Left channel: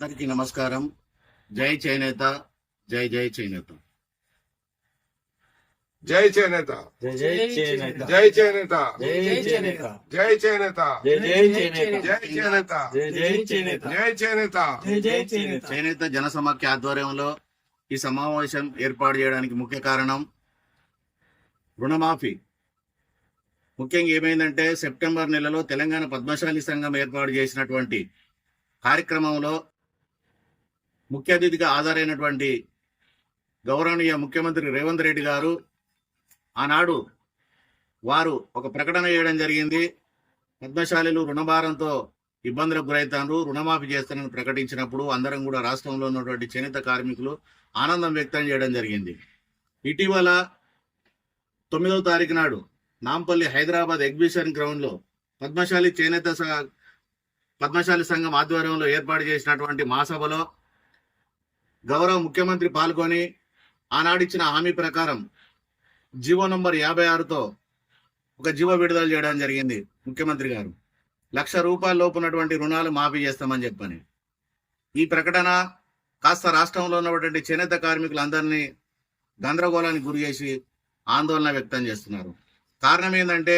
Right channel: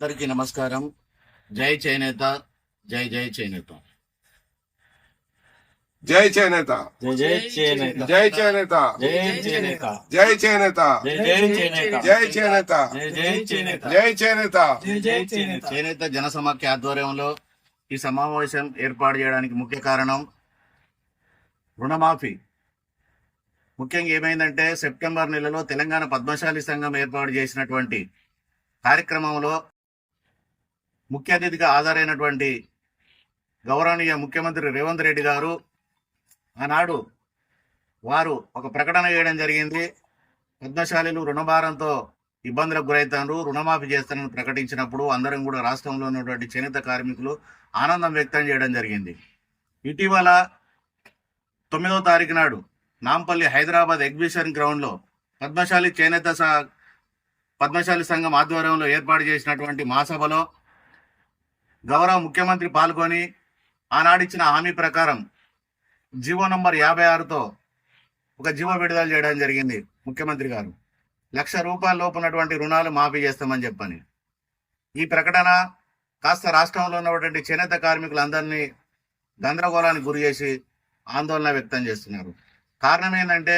అందరికీ నమస్కారం జై చేనేత జై జై చేనేత జై చేనేత జై జై చేనేత జై చేనేత జై చేనేత జై చేనేత జై చేనేత జై చేనేత జై జై చేనేత జై చేనేత జై జై చేనేత చేనేత జన సమాఖ్య ఆధ్వర్యంలో ఈ సమావేశం ఏర్పాటు చేయడానికి ముఖ్య కారణం రుణమాఫీ ముఖ్యంగా ఏమైందంటే సెప్టెంబర్ నెలలో తెలంగాణ పద్మశాలి సంఘం ఏర్పాటు చేసినటువంటి కార్యక్రమంలో ముఖ్య అతిథిగా హాజరైనటువంటి గౌరవనీయ ముఖ్యమంత్రి రేవంత్ రెడ్డి గారు ఆనాడు వారు ఒక ప్రకటన చేయడం జరిగింది. పద్మశాలీలు రుణభారంతో ఇబ్బందులకు గురవుతారు రుణమాఫీ చేస్తానని ప్రకటించినప్పుడు అందరం కూడా రాష్ట్రంలో ఉన్నటువంటి చేనేత కార్మికులు ఆనందం వ్యక్తం చేయడం జరిగింది. ఇటీవల తొమ్మిదవ తారీఖు నాడు నాంపల్లి హైదరాబాద్ ఎగ్జిబిషన్ గ్రౌండ్లో పద్మశాలి చేనేత స- పద్మశాలి సంఘం ఆధ్వర్యంలో ఏర్పాటు చేసినటువంటి మహాసభలో గౌరవ ముఖ్యమంత్రి పాల్గొని ఆనాడిచ్చిన హామీ ప్రకారం జీవో నంబర్ యాభై ఆరుతో ఒక జీవో విడుదల చేయడం జరిగింది ముఖ్యమంత్రి గారు. లక్ష రూపాయల లోపు ఉన్నటువంటి రుణాలు మాఫీ చేస్తామని చెప్పని. ఈ ప్రకటన కాస్త రాష్ట్రంలో ఉన్నటువంటి చేనేత కార్మికులందరినీ గందరగోళానికి గురి చేసి ఆందోళన వ్యక్తం చేస్తున్నారు. కారణం ఏంటంటే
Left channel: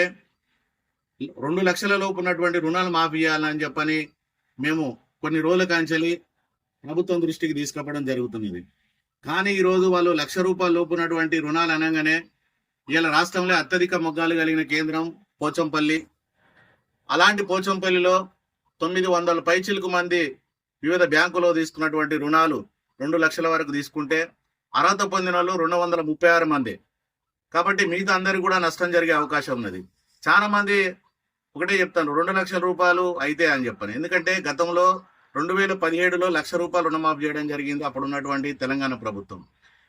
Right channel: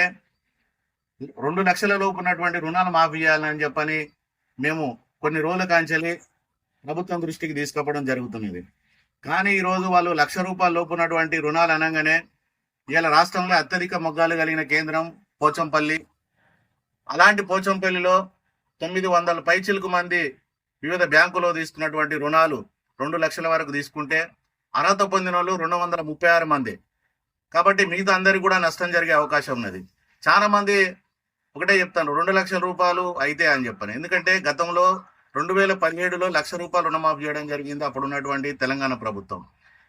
రెండు లక్షల లోపు ఉన్నటువంటి రుణాలు మాఫీ చేయాలని చెప్పని మేము కొన్ని రోజుల కాంచెలి ప్రభుత్వం దృష్టికి తీసుకుపోవడం జరుగుతున్నది. కానీ ఈరోజు వాళ్ళు లక్ష రూపాయల లోపు ఉన్నటువంటి రుణాలు అనగానే ఇవాళ రాష్ట్రంలో అత్యధిక మొగ్గాలు కలిగిన కేంద్రం పోచంపల్లి. అలాంటి పోచంపల్లిలో తొమ్మిది వందల పైచిలకు మంది వివిధ బ్యాంకులో తీసుకున్నటువంటి రుణాలు రెండు లక్షల వరకు తీసుకుంటే అర్హత పొందిన వాళ్ళు రెండు వందల ముప్పై ఆరు మంది. కాబట్టి మిగతా అందరికి కూడా నష్టం జరిగే అవకాశం ఉన్నది. చాలా మంది ఒకటే చెప్తాను రెండు లక్షల రూపాయలు అయితే అని చెప్పాను. ఎందుకంటే గతంలో రెండు వేల పదిహేడులో లక్ష రూపాయలు రుణమాఫీ చేయడం జరిగింది. అప్పుడు ఉన్నటువంటి తెలంగాణ ప్రభుత్వం.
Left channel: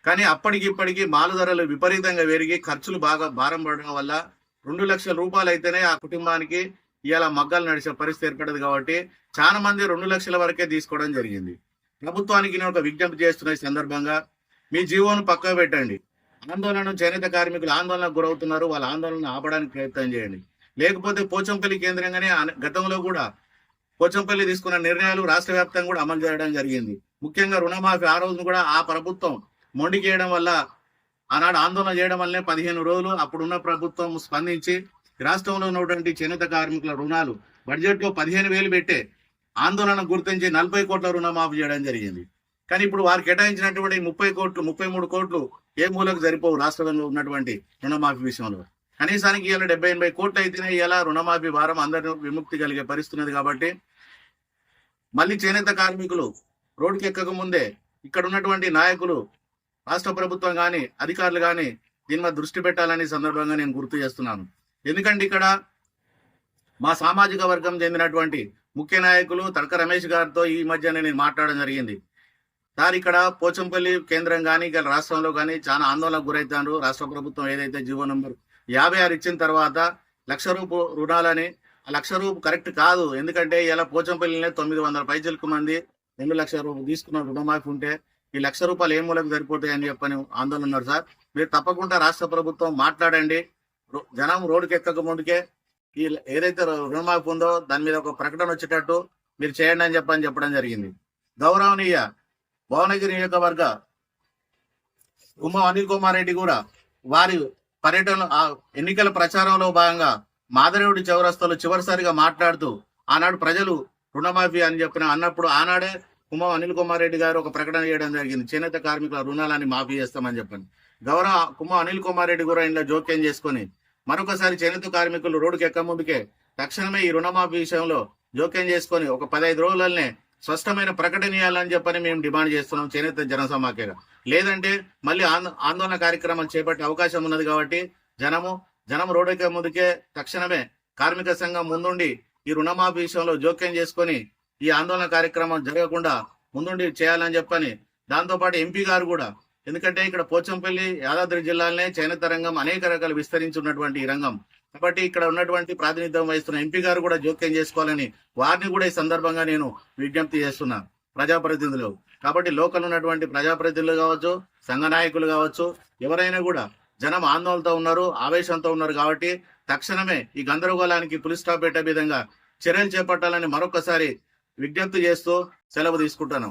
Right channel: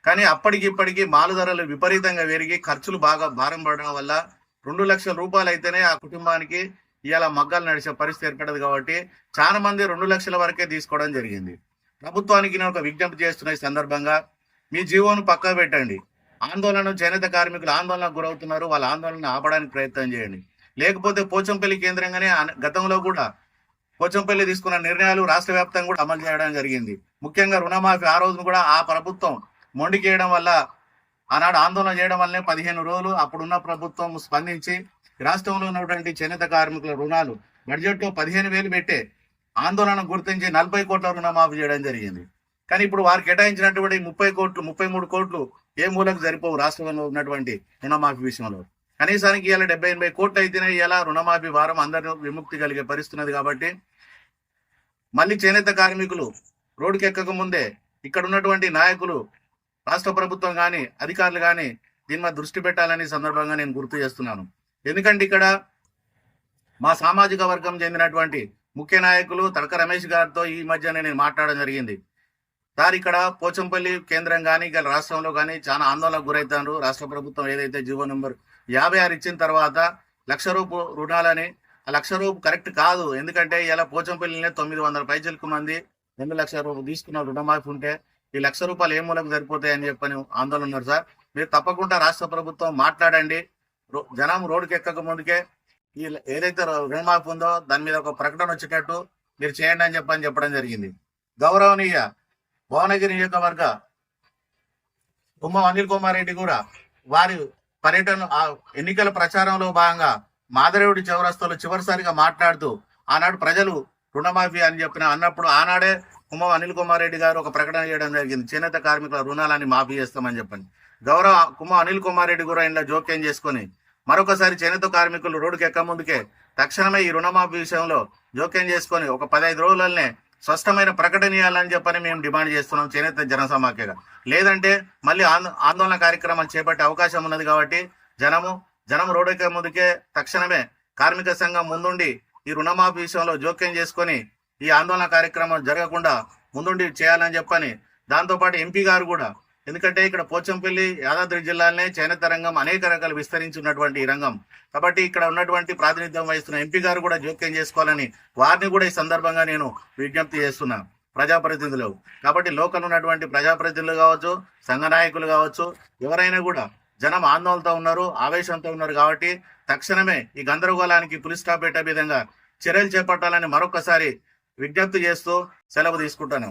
కానీ అప్పటికి ఇప్పటికీ మాలు ధరలు విపరీతంగా పెరిగి ఖర్చులు బాగా భారం పడడం వల్ల రెండు లక్షల రూపాయలు అయితేనే ఆ కుటుంబానికి ఇలా మగ్గాలు నడిచే పరిస్థితి ఏర్పడదు కాబట్టి చాలా మంది రెండు లక్షల వరకే తీసుకోవడం జరిగింది. ప్రభుత్వానికి నేను ఒక విజ్ఞప్తి చేస్తున్న సందర్భంగా మీ జీవోను పక్క పెట్టండి. ఆందోళన చేనేత కార్మికులు ఆందోళనకు గురవుతున్నారు. వాళ్ళ ఆందోళన ఆపడానికి ప్రయత్నం చేయండి. లేకపోతే పోచంపల్లి కేంద్రంగానే గతంలో కూడా పోచంపల్లి తీసుకున్న నిర్ణయాలు రాష్ట్ర వ్యాప్తంగా కూడా అమలు చేయడం జరిగింది. ముఖ్యంగా రుణమాఫీ ఆ రోజును కూడా ఆ ప్రభుత్వం మొండికేయడం వల్ల ఆనాడు ఆందోళన చేయడం వల్లనే పదిహేను రోజులు అప్పుడున్న ప్రభుత్వం స్పందించి రాష్ట్రంలో ఉన్నటువంటి చేనేత కార్మికుల రుణాలు బడ్జెట్లో పదిహేను వేలు పెట్టే ఆందోళన గుర్తించి నలభై కోట్ల రుణమాఫీ చేయడం జరిగింది. కానీ ఇప్పుడు వారు కేటాయించినటువంటి ముప్పై కోట్లు ముప్పై మూడు కోట్లు ఏ మూలకు సరిపోవు రాష్ట్రంలో ఉన్నటువంటి రుణమాఫీ విషయంలో? కనీసానికి ఇలా డెబ్బై ఎనభై కోట్లు అయితేనే ఇలా రుణమాఫీ భారం అందరినీ విముక్తి కలిగే పరిస్థితున్నది కాబట్టి మళ్ళీ చేనేత కార్మికులు రోడ్డుకి ఎక్కక ముందే ఇక్కడ ఉన్నటువంటి నాయకులు రాష్ట్ర ప్రభుత్వం కానీ అధికారులు కానీ దీని మీద దృష్టి పెట్టాలని సందర్భంగా నేను గుర్తు చేస్తున్నాను. ఎందుకంటే ఇక్కడ మా సామాజిక వర్గం చెందినటువంటి ముఖ్య నాయకులు తడక రమేష్ గారితో ఈ మధ్యనే నేను మాట్లాడడం జరిగింది. సార్ ఇక్కడ పోచంపల్లి కేంద్రం కానీ ఇక్కడ రాష్ట్రంలో కానీ చాలా ఆందోళనకు గురవుతారు రాష్ట్ర ప్రభుత్వం ఏదైతే జీవో నెంబర్ యాభై ఆరు ఇచ్చిన తర్వాత లక్ష రూపు రుణాలని లక్ష రూపు కరెక్ట్ కాదు. ఎందుకంటే ఇలా పోచంపల్లినే తొమ్మిది వందల పైచలకు మంది రెండు లక్షల రూపాయలు తీసుకున్న రుణమాఫీ ఉంటే ఈ లక్ష రూపాయలు ఏ మూలకు సరిపోతాయి అని చెప్పని ఆందోళన ఉన్నారు సార్. మీరు తప్పకుండా రాష్ట్ర ప్రభుత్వం మాట్లాడండి. జనం రోడ్డుకి ఎక్కక ముందుకే ఈ ఏదైతే రుణమాఫీ ఉందో దాని మీద ఒక ప్రకటన వచ్చేటట్టు మీరు చేయండి అని చెప్పని చెప్పడం జరిగింది. గౌరవనీయ భువనగిరి నియోజకవర్గ ఉమ్మ అనిల్ కుమార్ రెడ్డి కూడా వారి పర్యటన ఆ ఎన్నికల ప్రచారంలో భాగంగా మాధరేవుడి చౌరస్తాలో చివరిసారిగా మాట్లాడుతూ ఆనాడు ప్రజలు రుణమాఫీ అని చెప్పిన అన్నప్పుడు ఆనాడే కుమ్మ అనిల్ కుమార్ రెడ్డి గారు ఒక ప్రకటన చేయడం జరిగింది. చేనేత కార్మికుల రుణాలని మాఫీ చేస్తామని చెప్పండి గౌరవ కుమ్మ అనిల్ కుమార్ రెడ్డి కూడా ఇంట్లో జోక్యం చేసుకొని మరొకసారి చేనేత కార్మికులు రోడ్డుకి ఎక్క ముందుకే తక్షణమే ఈ రుణమాఫీ విషయంలో జోక్యం చేసుకొని ఒక పదహైదు రోజులనే స్పష్టమైన ప్రకటన ఇవ్వాలని చెప్పని మేము డిమాండ్ చేస్తున్నాం చేనేత జనసమాఖ్యగా. లేదంటే మళ్ళీ ఆందోళన కార్యక్రమాలు చేపట్టే అవకాశం ఉన్నది కాబట్టి జనము జనం రోడ్డుకే ముందుకే తక్షణమే కార్మిక సంఘం ముందుండి ఈ రుణమాఫీ విషయంలో జోక్యం చేసుకొని ఈ ఆందోళన కార్యక్రమం జరగకుండా ముందుండి చేయాలని చెప్పని దాంతోపాటు ఎంపీ గారు కూడా. ఎందుకంటే ఇక్కడ పోచంపల్లి యాదాద్రి జిల్లాలోనే చేనేత రంగం అనేక రకాలు విస్తరించి ఉన్నటువంటి ఈ రంగం. కాబట్టి ఇక్కడ ఉన్నటువంటి ప్రాతినిధ్యం వహిస్తున్న ఎంపీ గారు కూడా జోక్యం చేసుకోవాలని వారిని కూడా ఈ సందర్భంగా నేను విజ్ఞప్తి చేస్తున్నా. ప్రజాప్రతినిధులు. కాబట్టి లోకల్ ఉన్నటువంటి ప్రజాప్రతినిధులు కావచ్చు సంఘ నాయకులు కావచ్చు ఎవరైనా కూడా జనం ఆందోళనతో ఉన్నారు ఆవేశంతో ఉన్నారు కాబట్టి తక్షణమే ఈ గందరగోళానికి పులి స్టాప్ పెట్టే విధంగా చర్యలు చేపట్టాలని మరొకసారి విజ్ఞప్తి చేస్తూ సెలవు తీసుకుంటాను